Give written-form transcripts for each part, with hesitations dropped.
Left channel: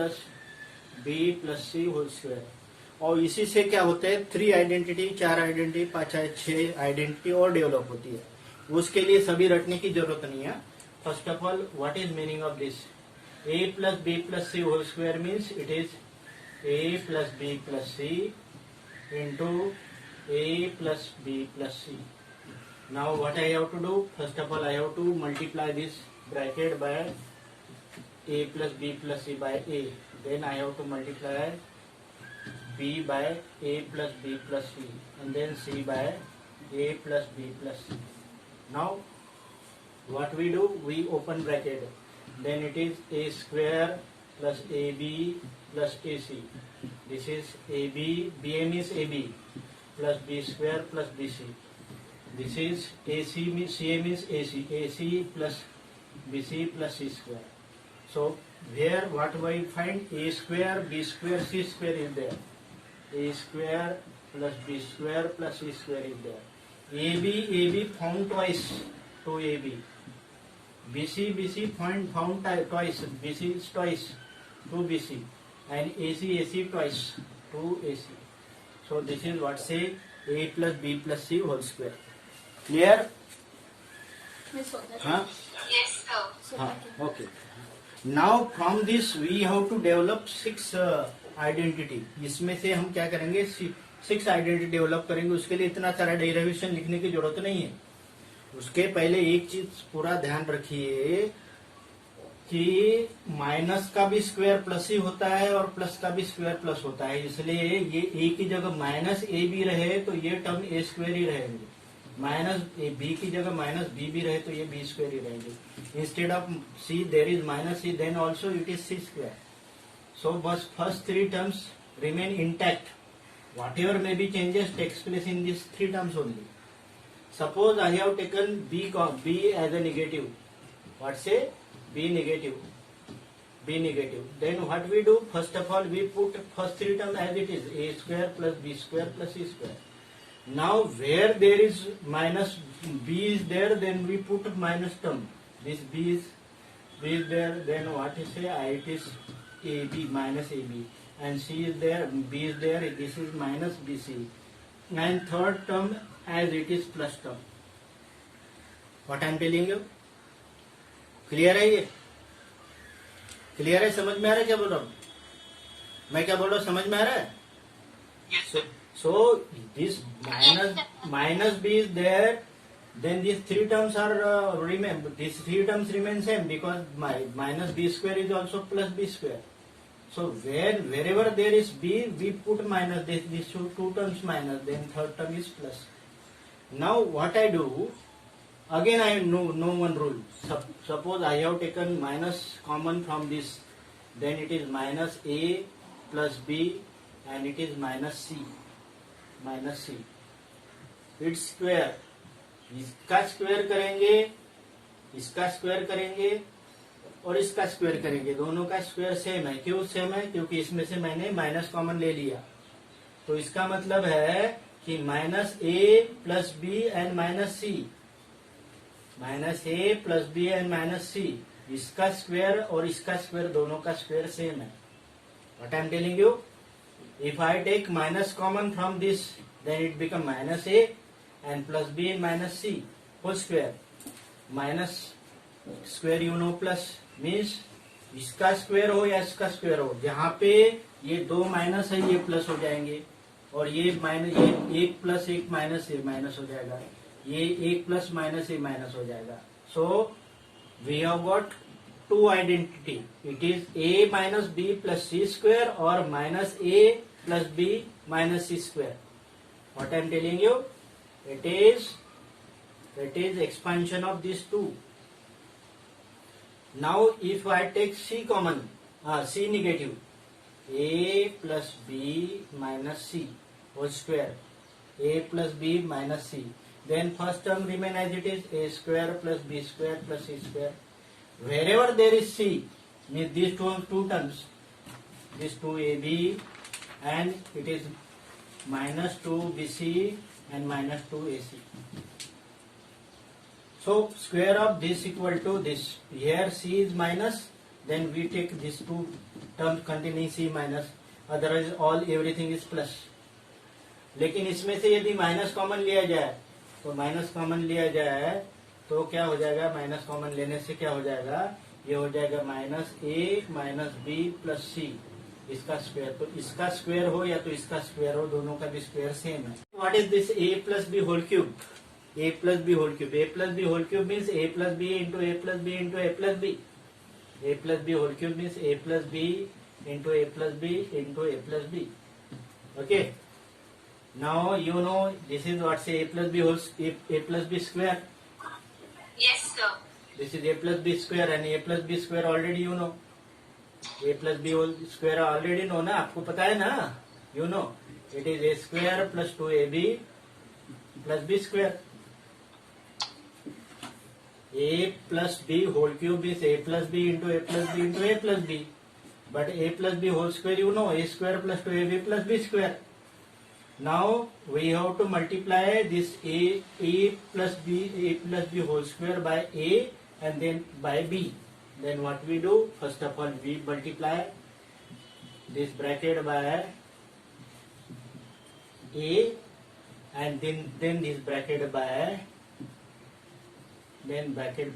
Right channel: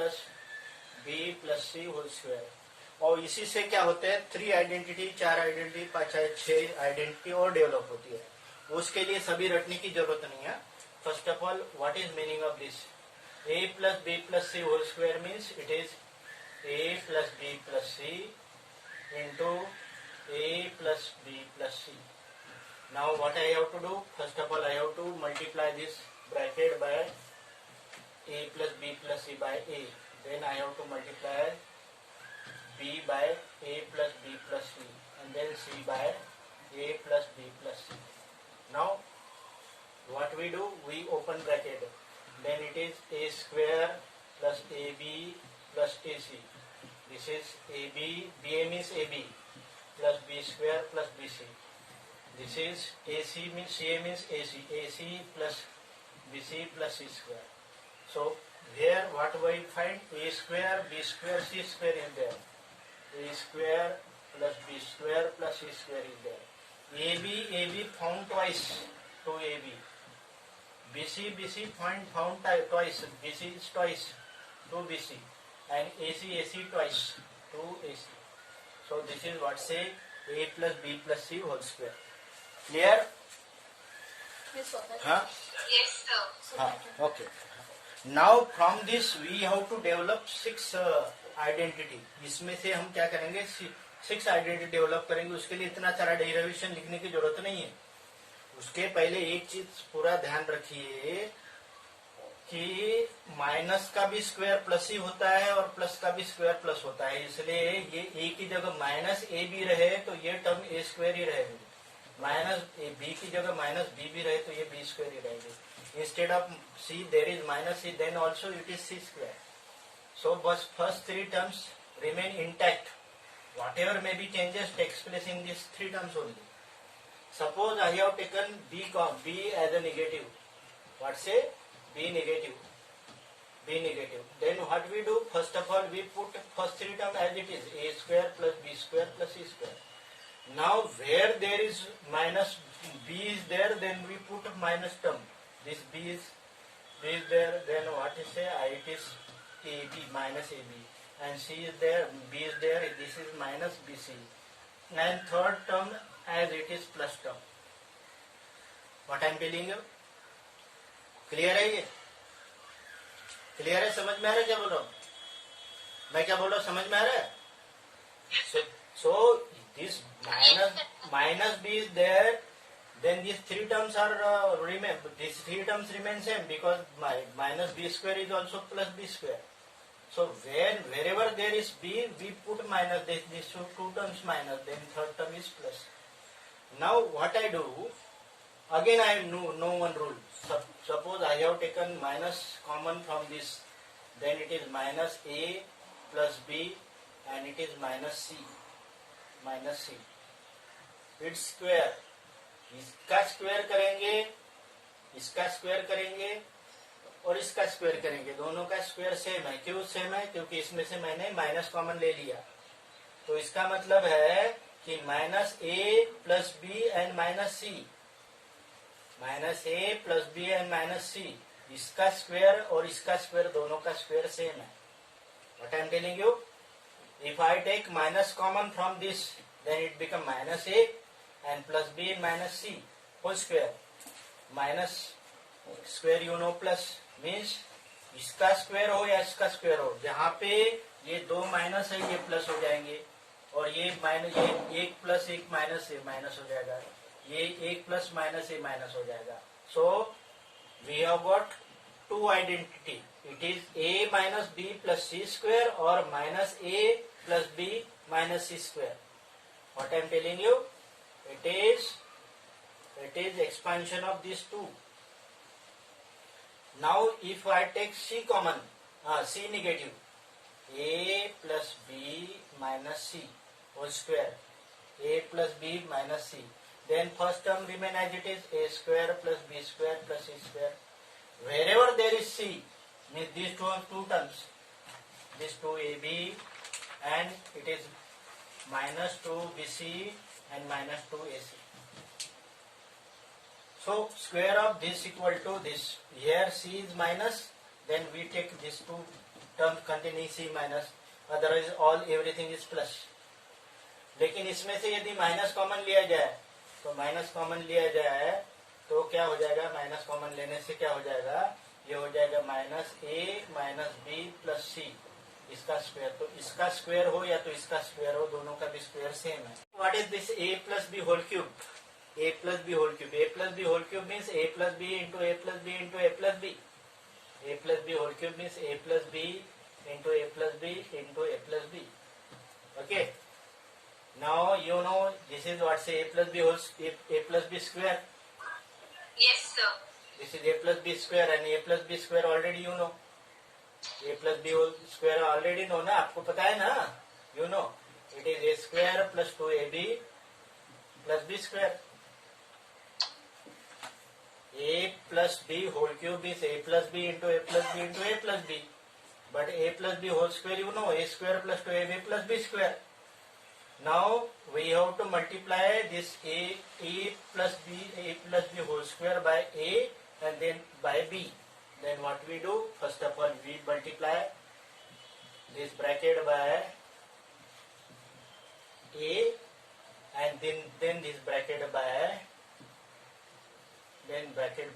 Plus b plus c whole square. और इसी से क्या होता है, 3 आइडेंटिटी, 4 आइडेंटिटी, 5 6 आइडेंटिटी और डेवलप होती है। उसके लिए सभी रटने की जरूरत नहीं है। First of all, what is meaning of this? A plus b plus c whole square means it is a plus b plus c into a plus b plus c. Now what I have to do? First of all, I have to multiply this bracket by a plus b plus c by a. Then I have to multiply b by a plus b plus c, and then c by a plus b plus c. Now what we do? We open bracket. Then it is a square plus ab plus ac. This is ab. ba means ab plus b square plus bc. This is AC means CA means AC. AC plus BC plus C square. So here what we find? A square, B square, C square is there. A square plus B square plus C square is there. AB found twice to AB. BC found twice. BC is twice to BC, and AC twice to AC. So this is what say A plus B plus C whole square. Clear? Huh? Yes, sir. Okay. Now from this we have to develop 6 identity. इसमें से हम क्या करेंगे? 6 identity develop करेंगे। उसके लिए इतना सारा डेरिवेशन लिखने की जरूरत नहीं है। उसके पहले एक चीज पूरा ध्यान रखिए कि माइनस का भी स्क्वायर प्लस ही होता है और प्लस का भी स्क्वायर प्लस होता है। इसलिए ये ए की जगह माइनस ए भी रहे तो ये टर्म ए स्क्वायर ही रहेंगे। माइनस बी की जगह माइनस बी भी रहे तो ये बी स्क्वायर ही रहेंगे। Instead of c there is minus c, then also it is c square. So बस first 3 terms remain intact. Whatever may be changes takes place in this 3 terms only. Suppose I have taken b as a negative. What say? B negative. B negative. Then what we do? First of all, we put first 3 term as it is, a square plus b square plus c square. Now where there is minus b is there, then we put minus term. This b is there. Then what is say? It is ab minus ab, and c is there, b is there. This is minus bc, and third term as it is plus term. What I am telling you? Clear है ये? Clear है? समझ में आ रहा है क्या बोल रहा हूँ मैं? क्या बोल रहा हूँ समझ में आ रहा है? So this minus b is there, then these 3 terms are remain. These 3 terms remain same because minus b square is also plus b square. So wherever there is b, we put minus. These 2 terms minus, then third term is plus. Now what I do? Again I have no one rule. Suppose I have taken minus common from this, then it is minus a plus b, and it is minus c. Minus c. Its square. इसका square करेंगे, इसका square करेंगे और इसका square करेंगे। दोनों का square same है। क्यों सेम है? क्योंकि इसमें से मैंने माइनस कॉमन ले लिया। तो इसका मतलब है कि minus a plus b and minus c, minus a plus b and minus c, इसका स्क्वायर और इसका स्क्वायर दोनों का स्क्वायर सेम है। What I am telling you? If I take minus common from this, then it become minus a and plus b and minus c whole square. Minus square you know plus means इसका square हो या इसका square हो, जहाँ पे ये 2 minus है ये प्लस हो जाएंगे, और ये माइनस, ये 1 प्लस 1 माइनस ए माइनस हो जाएगा, ये 1 प्लस माइनस ए माइनस हो जाएगा। So we have got 2 identity. It is a minus b plus c square और minus a plus b minus c square. What I am telling you? It is expansion of this 2. Now if I take c common, c negative, a plus b minus c whole square, a plus b minus c. Then first term remain as it is, a square plus b square plus c square. Wherever there is c, means these two terms, these 2ab, and it is minus 2bc and minus 2ac. So square of this equal to this. Here c is minus, then we take these 2 term containing c minus, otherwise all everything is plus. लेकिन इसमें से यदि minus common लिया जाए तो minus common लिया जाए तो क्या हो जाएगा, माइनस कॉमन लेने से क्या हो जाएगा, ये हो जाएगा माइनस ए माइनस बी प्लस सी, इसका स्क्वायर। तो इसका स्क्वायर हो या तो इसका स्क्वायर हो, दोनों का भी स्क्वायर सेम है। What is this a plus b whole cube, a plus b whole cube, a plus b whole cube means a plus b into a plus b into a plus b, a plus b whole cube means a plus b into a plus b into a plus b. Okay, now you know this is what's a plus b whole a plus b square. Yes, sir. This is a plus b square and a plus b square already you know. A plus b whole square already know ना, आपको पता है ना, you know it is a square plus 2ab plus b square. A plus b whole cube is a plus b into a plus b into a plus b, but a plus b whole square you know, a square plus 2ab plus b square. Now we have to multiply this a plus b whole square by a and then by b. Then what we do? First of all, we multiply this bracket by a and then this bracket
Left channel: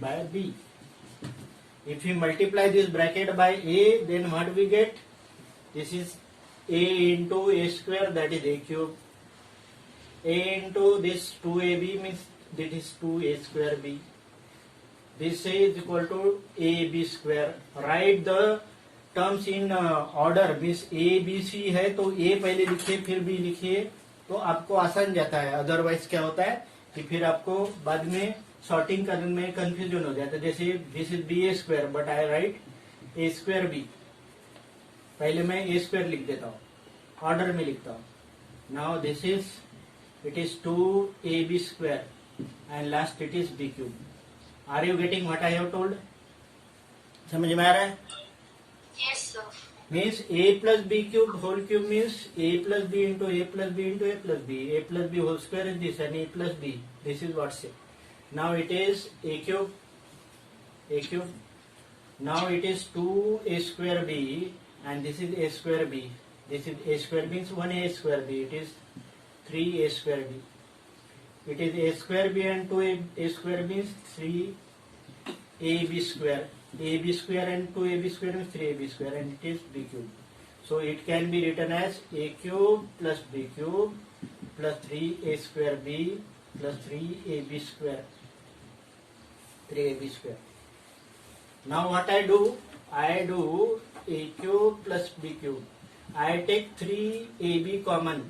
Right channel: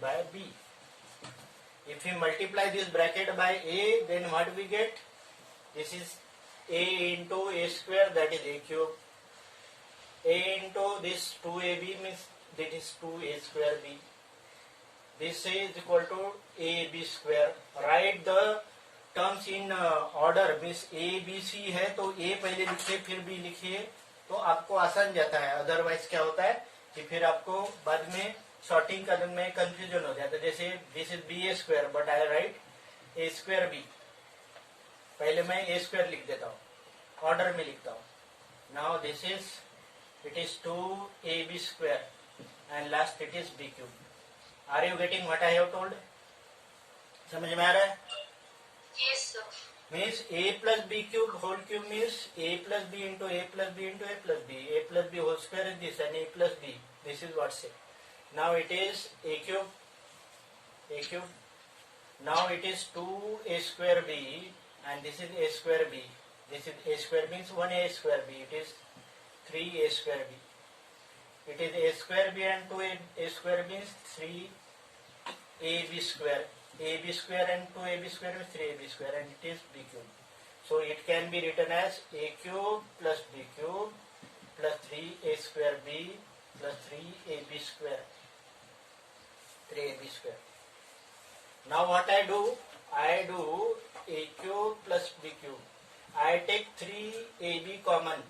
by b. If we multiply this bracket by a, then what we get? This is a into a square, that is a cube. A into this 2ab means that is 2a square b. This is equal to ab square. Write the terms in order, means a b c है तो a पहले लिखिए फिर b लिखिए तो आपको आसान जाता है। अदरवाइज क्या होता है कि फिर आपको बाद में सॉर्टिंग करने में कंफ्यूजन हो जाता है। जैसे this is b a square but I write a square b, पहले मैं ए स्क्वायर लिख देता हूँ, ऑर्डर में लिखता हूँ। Now this is it is 2ab square and last it is b cube. Are you getting what I have told? समझ में आ रहा है? Yes, sir. Means a plus b cube whole cube means a plus b into a plus b into a plus b, a plus b whole square is this and a plus b, this is what's it. Now it is a cube, now it is 2a square b and this is a square b, this is a square means 1a square b, it is 3a square b, it is a square b and 2a square means 3ab square, ab square and 2ab square means 3ab square and it is b cube. So it can be written as a cube plus b cube plus 3a square b plus 3ab square, 3ab square. Now what I do a cube plus b cube. I take 3ab common,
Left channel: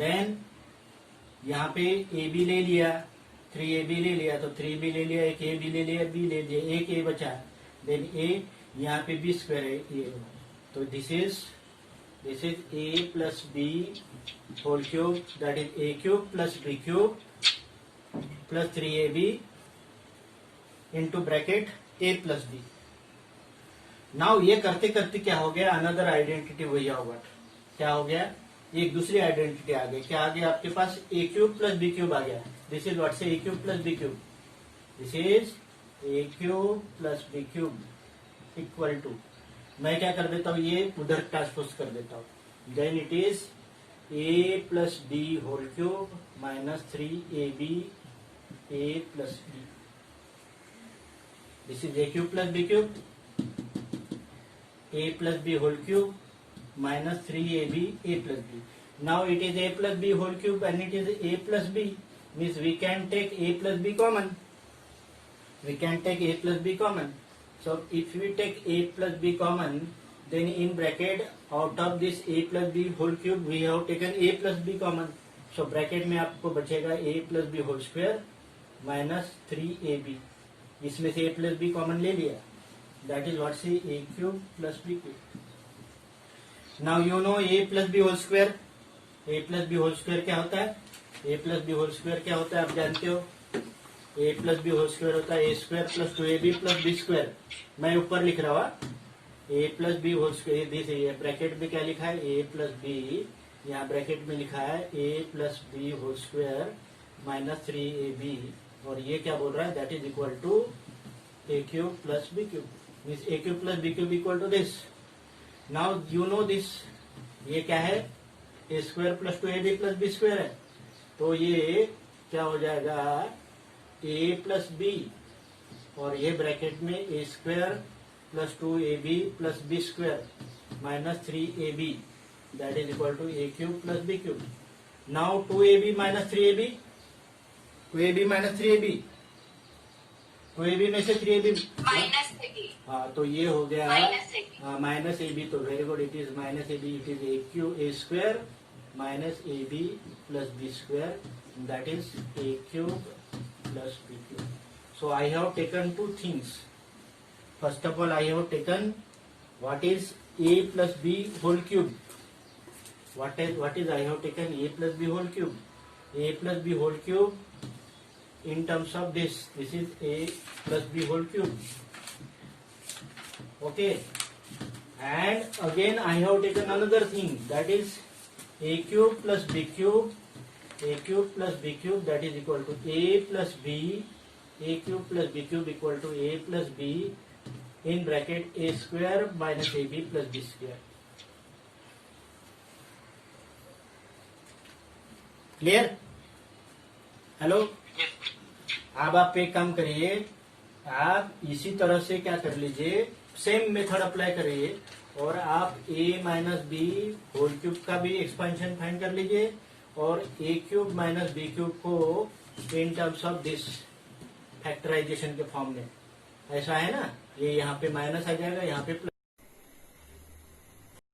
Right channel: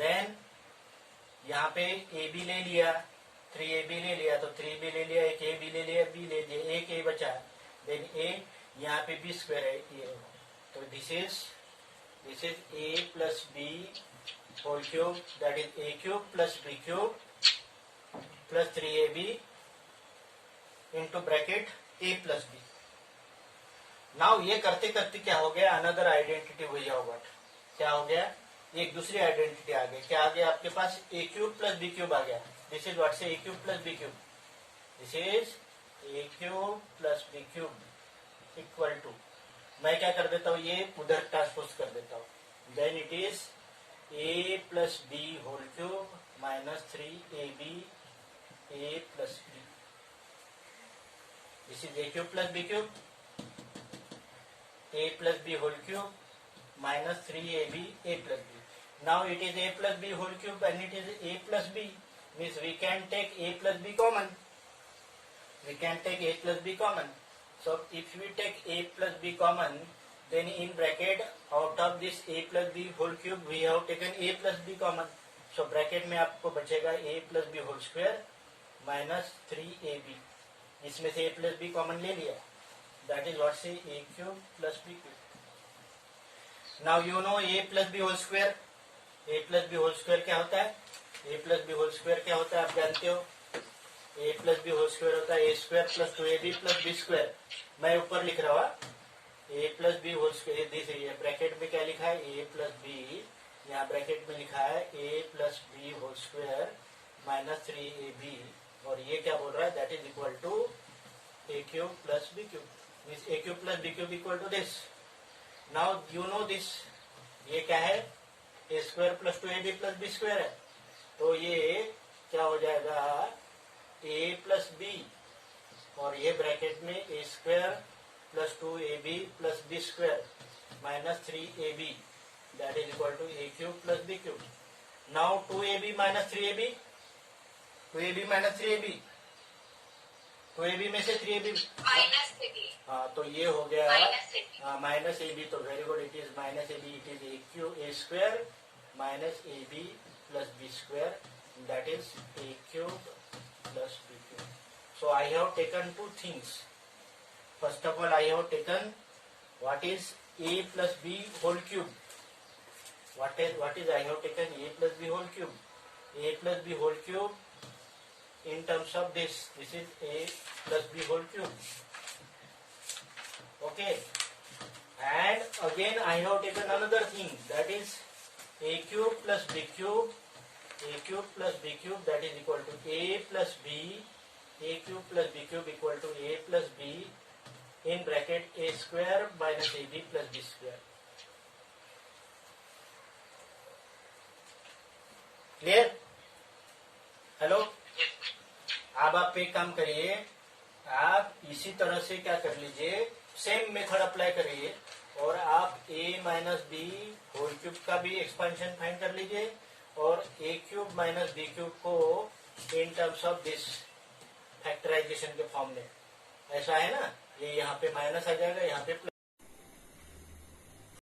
then यहाँ पे ab ले लिया, 3ab ले लिया तो 3b ले लिया, एक ab ले लिया, b ले लिया, एक a बचा, then a यहाँ पे b स्क्वायर है ये, तो this is a plus b whole cube, that is a cube plus b cube plus 3ab into bracket a plus b. Now ये करते करते क्या हो गया, अनदर आइडेंटिटी वही होगा, क्या हो गया, एक दूसरी आइडेंटिटी आ गई। क्या आ गया आपके पास, a cube plus b cube आ गया। This is what say a cube plus b cube, this is a cube plus b cube equal to, मैं क्या कर देता हूँ, ये उधर ट्रांसपोज कर देता हूँ, then it is a plus b whole cube minus 3ab a plus b. This is a cube plus b cube, a plus b whole cube minus 3ab a plus b. Now it is a plus b whole cube and it is a plus b, means we can take a plus b common. So if we take a plus b common, then in bracket out of this a plus b whole cube we have taken a plus b common. So bracket में आपको बचेगा a plus b whole square minus 3ab, इसमें से a plus B common ले लिया, that is what say a cube plus b cube. Now you know a plus b whole square, a plus b whole square क्या होता है, a plus b whole square क्या होता है आप जानते हो, a plus b whole square होता है a square plus 2ab plus b square. मैं ऊपर लिख रहा हूँ a plus b whole square, this ये ब्रैकेट में क्या लिखा है a प्लस बी, यहाँ ब्रैकेट में लिखा है a plus b whole square minus 3ab, और ये क्या बोल रहा है, that is equal to a cube plus b cube. This a cube plus b cube equal to this. Now you know this, ये क्या है, a square plus 2ab plus b square है. तो ये क्या हो जाएगा, ए प्लस बी और ये ब्रैकेट में a square plus 2ab plus b square minus 3ab that is equal to a cube plus b cube. Now 2ab minus 3ab, 2ab minus 3ab, 2ab में से 3ab, माइनस ए बी. हाँ तो ये हो गया minus a b. Minus a b. तो very good, it is minus a b, it is a q a square minus a b plus b square that is a cube plus b cube. So I have taken two things. First of all I have taken what is a plus b whole cube. what is I have taken a plus b whole cube. A plus b whole cube in terms of this is a plus b whole cube. Okay, and again I have taken another thing, that is a cube plus b cube, a cube plus b cube that is equal to a plus b, a cube plus b cube equal to a plus b in bracket a square minus ab plus b square. Clear? Hello. अब आप एक काम करिए, आप इसी तरह से क्या कर लीजिए, सेम मेथड अप्लाई करिए और आप a minus b whole cube का भी एक्सपेंशन फाइंड कर लीजिए और a cube minus b cube को in terms of this factorization के फॉर्म में. ऐसा है ना, ये यहाँ पे माइनस आ जाएगा, यहाँ पे प्लस.